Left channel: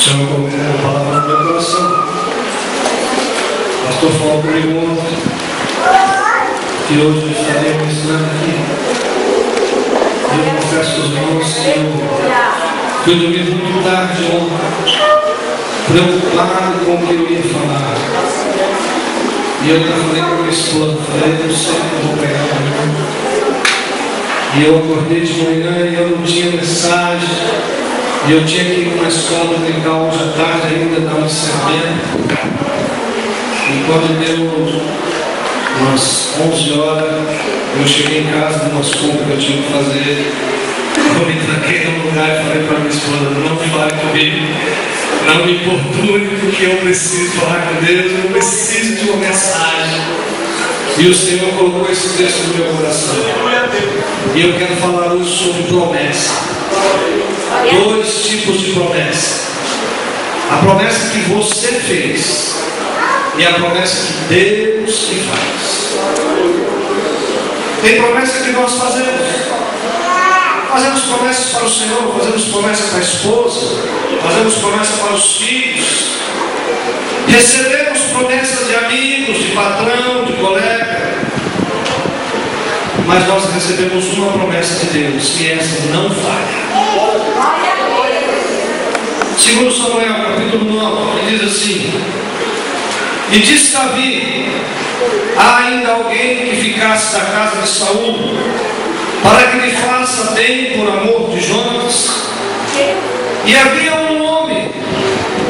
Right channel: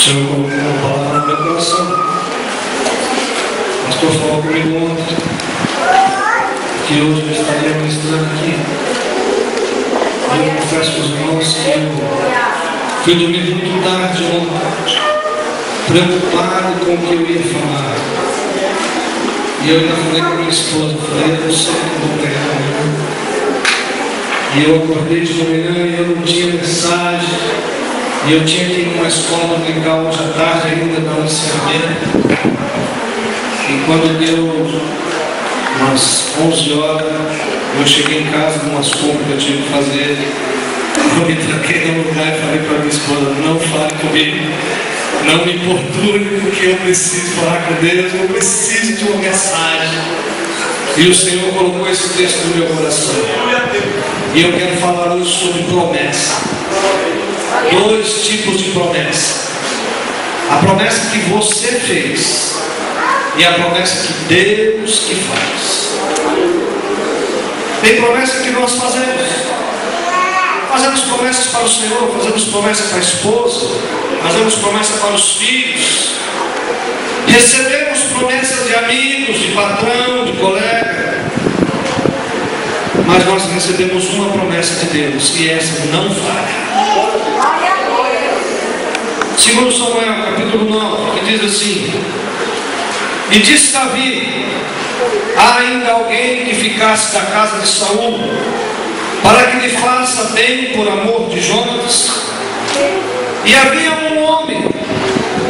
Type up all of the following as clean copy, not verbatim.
Senhor colocou uma palavra no meu coração. O pastor falou comigo ontem que hoje eu estaria ministrando aqui. E eu confesso para os irmãos que eu dormi muito tarde ontem, preocupado com o que eu ia falar. E eu falei com a minha esposa, falei, eu sei que eu vou pregar amanhã. E eu acordei de manhã e eu não tinha mensagem. E eu tinha que ir numa escola dominical hoje à tarde ainda, dar um ensinamento. E quando deu umas 11 horas, eu cheguei em casa com umas compras que eu tinha que fazer. Eu me tranquei no lugar e falei para minha esposa, não fale comigo, não me importune, porque eu preciso falar com Deus, eu preciso de uma mensagem. E o Senhor colocou esse texto no meu coração. E eu quero falar hoje sobre promessa. Dois tipos de promessa: a promessa que você fez e a promessa que Deus que faz. Tem promessa que nós fazemos promessas para o Senhor, fazemos promessas para a esposa, fazemos promessas para os filhos, recebemos promessas de amigos, de patrão, de colega, mas nós recebemos uma promessa de Deus e essa não falha. Segundo Samuel, capítulo 9, que diz assim: e disse Davi: há ainda alguém que ficasse da casa de Saul, para que lhe faça bem por amor de Jonas? E havia um homem,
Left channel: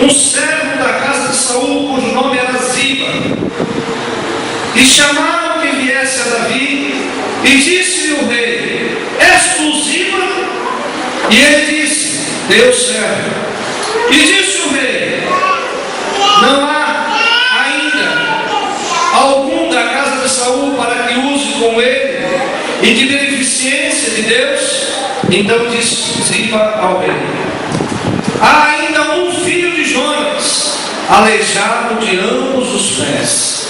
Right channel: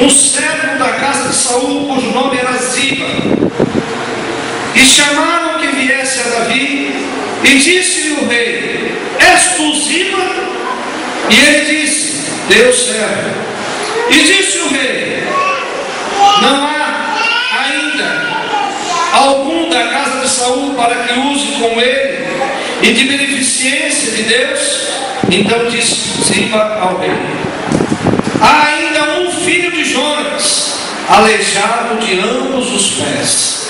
um servo da casa de Saul, cujo nome era Ziba, e chamaram que viesse a Davi, e disse-lhe o rei: és tu Ziba? E ele disse: Deus serve. E disse o rei: não há ainda algum da casa de Saul para que use com ele e de beneficência de Deus? Então disse Ziba ao rei: há ainda um filho de Jonas, aleijado de ambos os pés.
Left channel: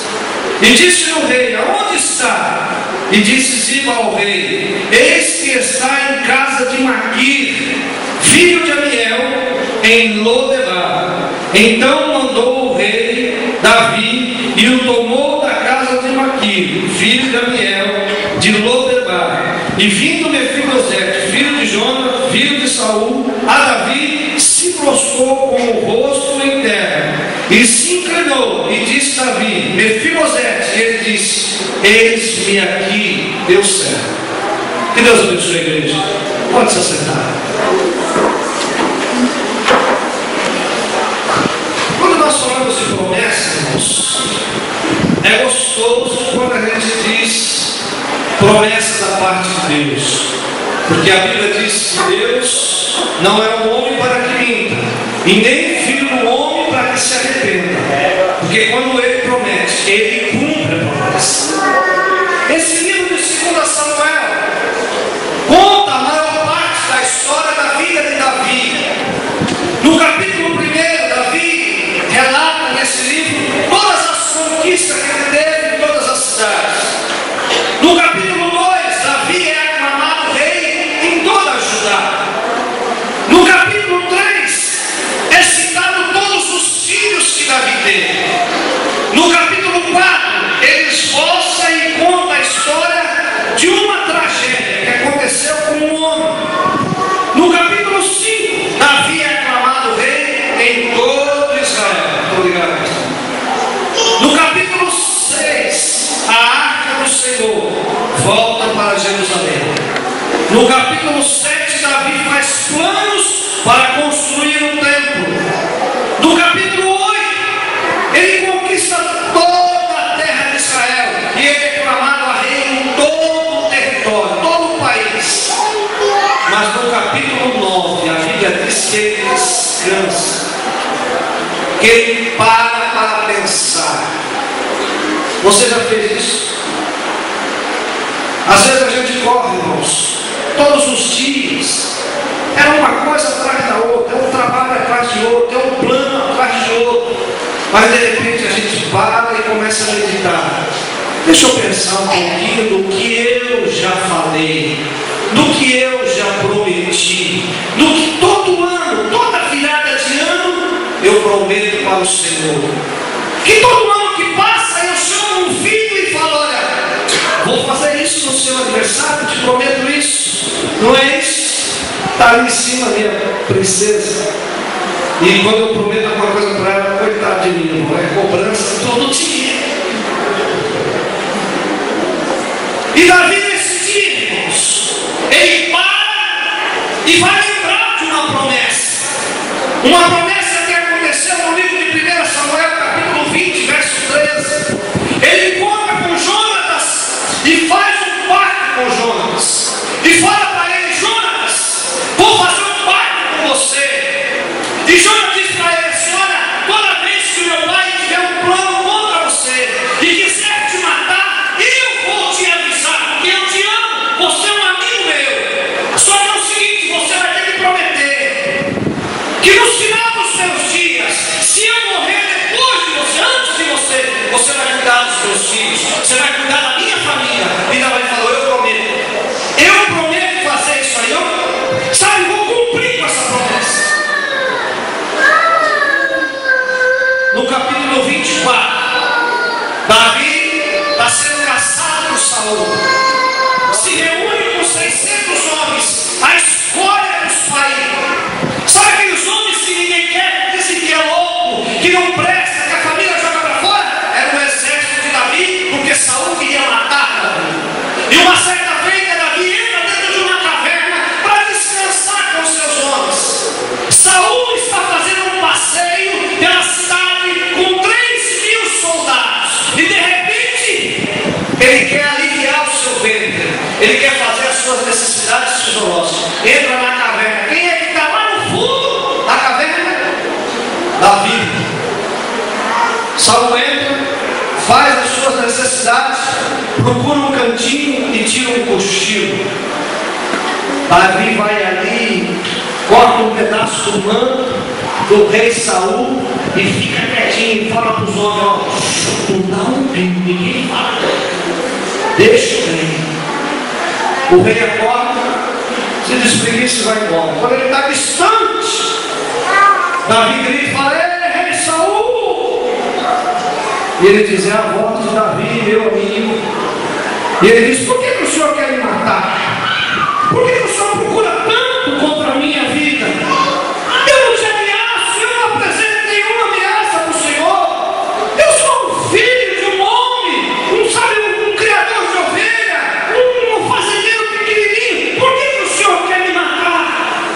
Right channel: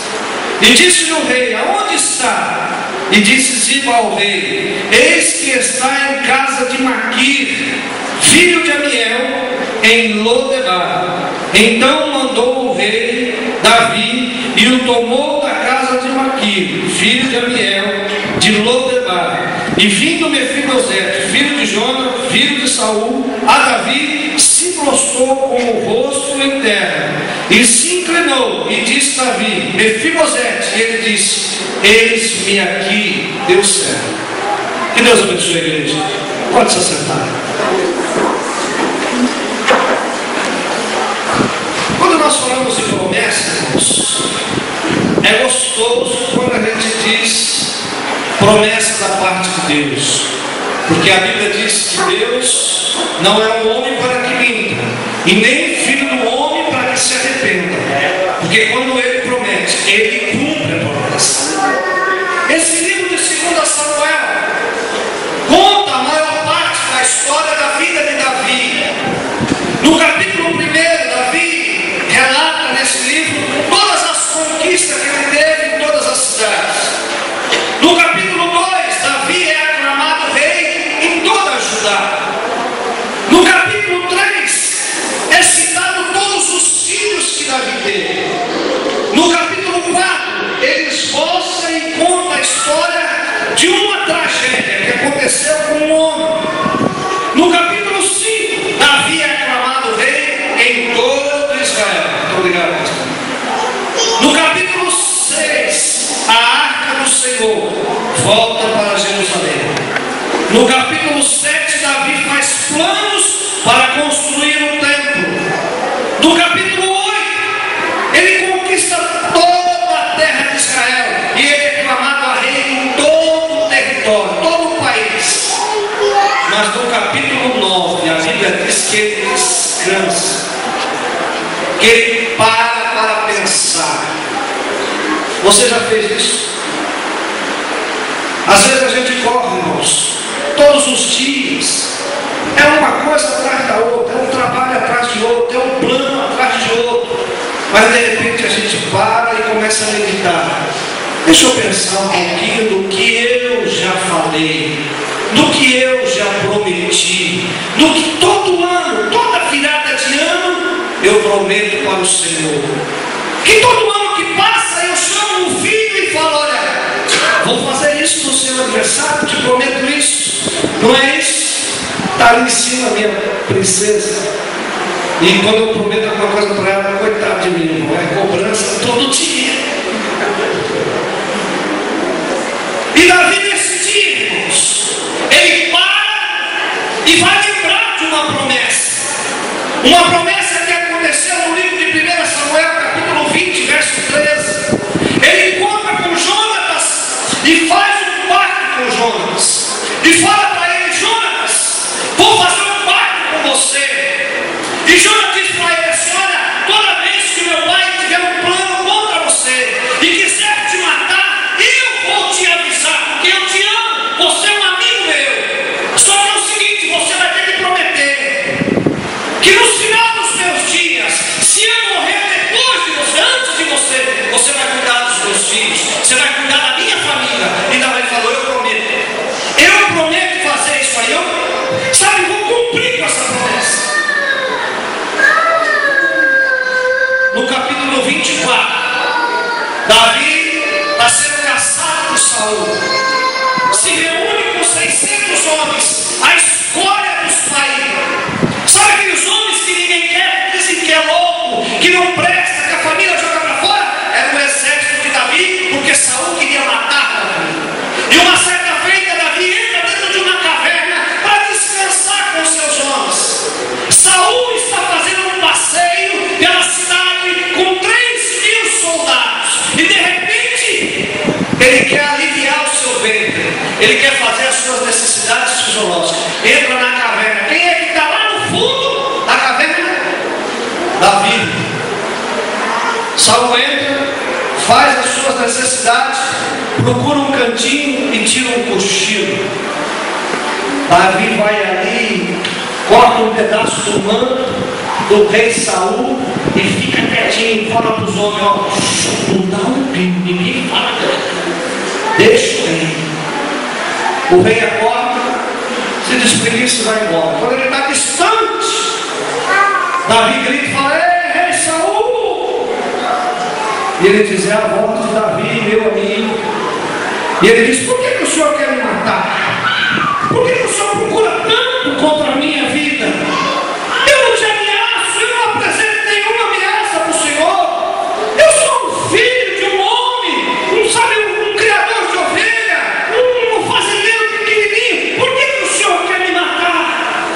E disse o rei: aonde está? E disse Ziba ao rei: eis que está em casa de Maquir, filho de Amiel, em Lodebar. Então mandou o rei Davi e o tomou da casa de Maquir, filho de Amiel, de Lodebar. E vindo Mefibosete, filho de Jonas, filho de Saul, a Davi, se prostrou com o rosto em terra e se inclinou, e disse Davi: Mefibosete. E ele disse: eis-me aqui, Deus serve. Que Deus abençoe a igreja. Pode se assentar. Quando nós falamos de promessa, irmãos, é gostoso quando a gente diz promessa da parte de Deus, porque a Bíblia diz que Deus não é um homem para que minta, e nem filho do homem para que se arrependa, porque quando ele promete, ele cumpre a promessa. Esse livro de 2 Samuel conta a maior parte da história da vida de Davi. No capítulo 1, Davi relata nesse livro todas as conquistas que ele teve em todas as cidades. No capítulo 2, Davi é aclamado rei em toda a Judá. No capítulo 3, é citado todos os filhos que Davi teve. No capítulo 4, ele esboça e conta a história de uma tragédia que aconteceu com um homem. No capítulo 5, Davi é aclamado rei em todo Israel. Muito obrigado. No capítulo 6, a arca do Senhor volta para Jerusalém. No capítulo 7, Davi faz planos para construir um templo. No capítulo 8, ele conquista toda a terra de Israel e ele é aclamado a rei em todo o território, todo o país. Mas no capítulo 9, a Bíblia diz que ele descansa, que ele para pensar. Você já fez isso? Às vezes a gente corre, irmãos, todos os dias. É uma coisa atrás da outra, é um trabalho atrás de outro, é um plano atrás de outro. Mas de repente a gente para e começa a meditar. Deixa eu pensar um pouquinho do que eu já falei, do que eu já prometi, do que todo ano, toda virada de ano, eu prometo para o Senhor que todo ano que passa eu chamo um filho e falo: olha, vou fazer isso no seu aniversário, te prometo isso. Não é isso? Está ali em cima, minha princesa. E quando eu prometo alguma coisa para ela, coitado de mim, não é cobrança todo dia. E Davi, nesse dia, irmãos, ele para e vai lembrar de uma promessa. Uma promessa que aconteceu no livro de 1 Samuel, capítulo 20, verso 13. Ele encontra com Jonatas e faz um pacto com Jonatas. E fala para ele: Jonatas, vou fazer um pacto com você. E Jonatas diz para ele assim: olha, toda vez que meu pai tiver um plano contra você e quiser te matar, eu vou te avisar, porque eu te amo, você é um amigo meu. Só que é o seguinte, você vai ter que prometer que no final dos meus dias, se eu morrer depois de você, antes de você, você vai cuidar dos meus filhos, você vai cuidar da minha família. E Davi falou: eu prometo fazer isso aí, sabe, vou cumprir com essa promessa. No capítulo 24, Davi está sendo caçado por Saul, se reúne com 600 homens, a escolha dos países. Sabe aqueles homens que ninguém quer, que dizem que é louco, que não presta, que a família joga para fora? Era o exército de Davi, porque Saul queria matar Davi. E uma certa feita, Davi entra dentro de uma caverna para descansar com seus homens. Saul está fazendo um passeio pela cidade com 3.000 soldados. E de repente, ele quer aliviar o seu ventre. Ele quer fazer as suas necessidades fisiológicas. Entra na caverna. Quem é que está lá no fundo da caverna? Davi. Saul entra, faz as suas necessidades, procura um cantinho e tira um cochilo. Davi vai ali, corta um pedaço do manto do rei Saul e fica quietinho e fala para os homens: ó, não dá um pingo, ninguém fala, deixa o rei. O rei acorda, se despreguiça e vai embora. Quando ele está distante, Davi grita e fala: ei, rei Saul! E ele diz: é a voz de Davi, meu amigo. E ele diz: por que o senhor quer me matar? Por que o senhor procura tanto contra a minha vida? Eu não te ameaço, eu não apresento nenhuma ameaça para o senhor. Eu sou um filho de um homem, um criador de ovelha, um fazendeiro pequenininho. Por que o senhor quer me matar?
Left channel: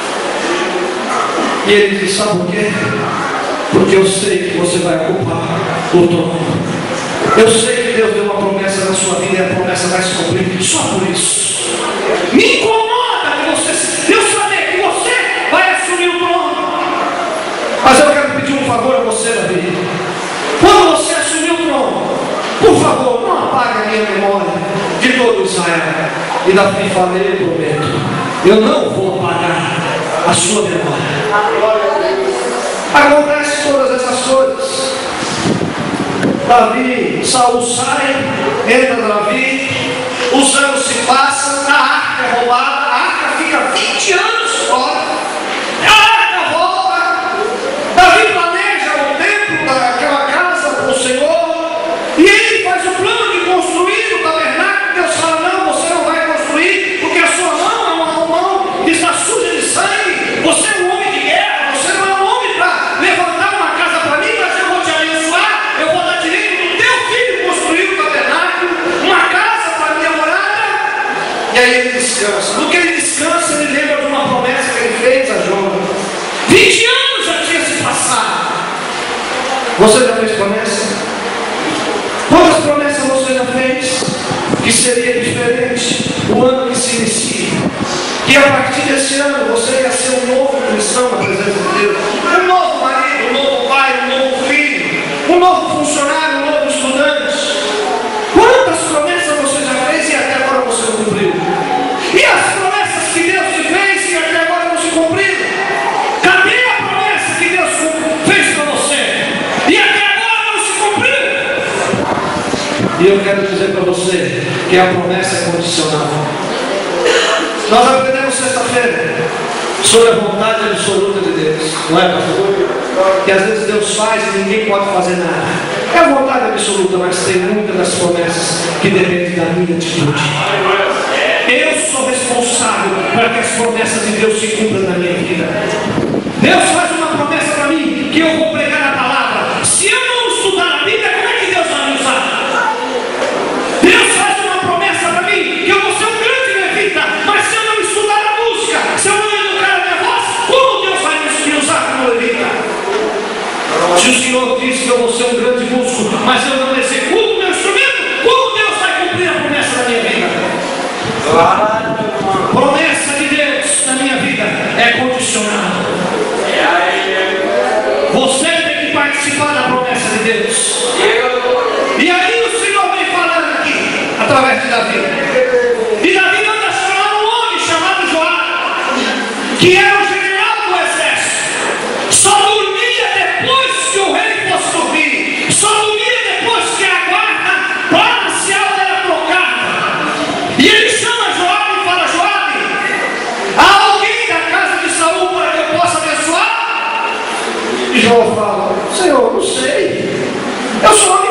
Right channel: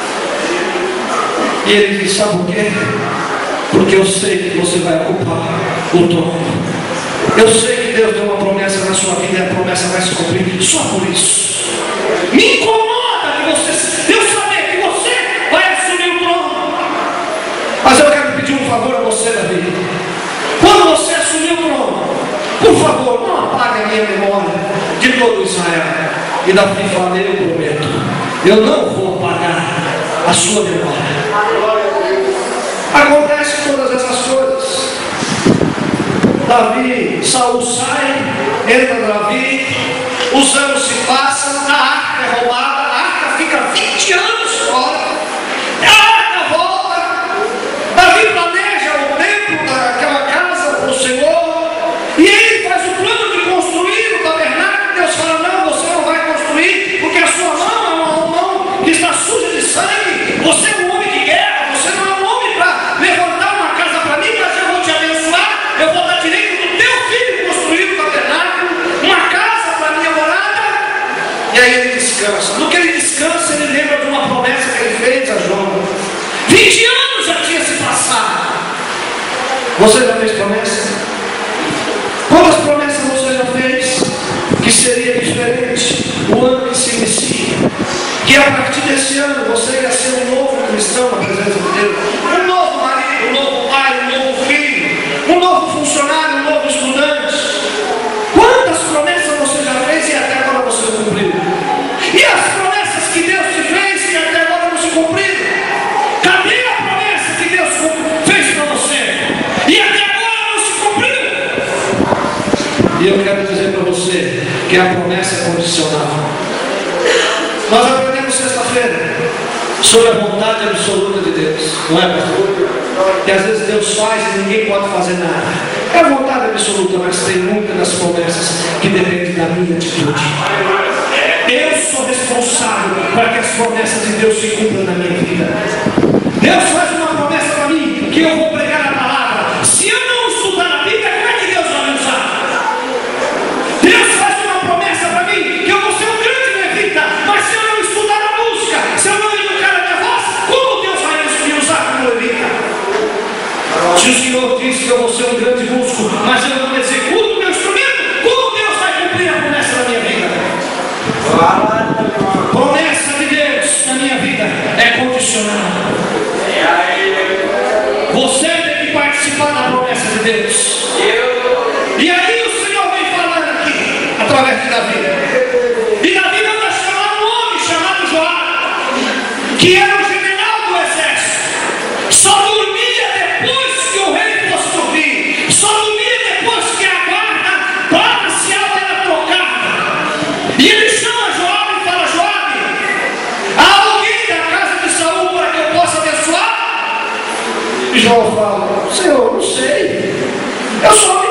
E ele diz: sabe por quê? Porque eu sei que você vai ocupar o trono. Eu sei que Deus deu uma promessa na sua vida e a promessa vai se cumprir. Só por isso me incomoda que eu saber que você vai assumir o trono. Mas eu quero pedir um favor a você, Davi. Quando você assumir o trono, por favor, não apague a minha memória de todo Israel. E Davi fala: eu prometo, eu não vou apagar a sua memória. Acontece todas essas coisas. Davi, Saul sai, entra Davi, os anos se passam, a arca é roubada, a arca fica 20 anos fora, a arca volta, Davi planeja o templo, aquela casa para o Senhor, e ele faz o plano de construir o tabernáculo. Deus fala: não, você não vai construir, porque a sua mão é uma mão que está suja de sangue, você é um homem de guerra, você não é um homem para levantar uma casa para mim, mas eu vou te abençoar, eu vou dar direito do teu filho construir o tabernáculo, uma casa para minha morada. E aí ele descansa. No que ele descansa, ele lembra de uma promessa que ele fez a Jonas. 20 anos já tinha se passado. Você já fez promessa? Quantas promessas você já fez? Que seria diferente o ano que se inicia, que a partir desse ano você ia ser um novo cristão na presença de Deus, um novo marido, um novo pai, um novo filho, um novo funcionário, um novo estudante. Quantas promessas você já fez e até agora você não cumpriu? E as promessas que Deus te fez e até agora não se cumpriram? Cadê a promessa que Deus fez para você e até agora não se cumpriu? E eu quero dizer para você que a promessa é condicional. Nós aprendemos sexta-feira sobre a vontade absoluta de Deus, não é, pastor? que às vezes Deus faz e ninguém pode fazer nada. É a vontade absoluta, mas tem muitas das promessas que dependem da minha atitude. Eu sou responsável para que as promessas de Deus se cumpram na minha vida. Deus faz uma promessa para mim, que eu vou pregar a palavra. Se eu não estudar a Bíblia, como é que Deus vai me usar? Deus faz uma promessa para mim, que eu vou ser um grande levita, mas se eu não estudar a música, se eu não educar a minha voz, como Deus vai me usar como levita? Se o Senhor diz que eu vou ser um grande músico, mas eu não executo o meu instrumento, como Deus vai cumprir a promessa da minha vida? Promessa de Deus na minha vida é condicional. Você tem que participar da promessa de Deus. E aí o Senhor vem falando aqui, através de Davi. E Davi manda chamar um homem chamado Joabe, que era o general do exército. Só dormia depois que o rei fosse dormir. Só dormia depois que a guarda marcial era trocada. E ele chama Joabe e fala: Joabe, há alguém da casa de Saul para que eu possa abençoar? E João fala: Senhor, não sei. Eu sou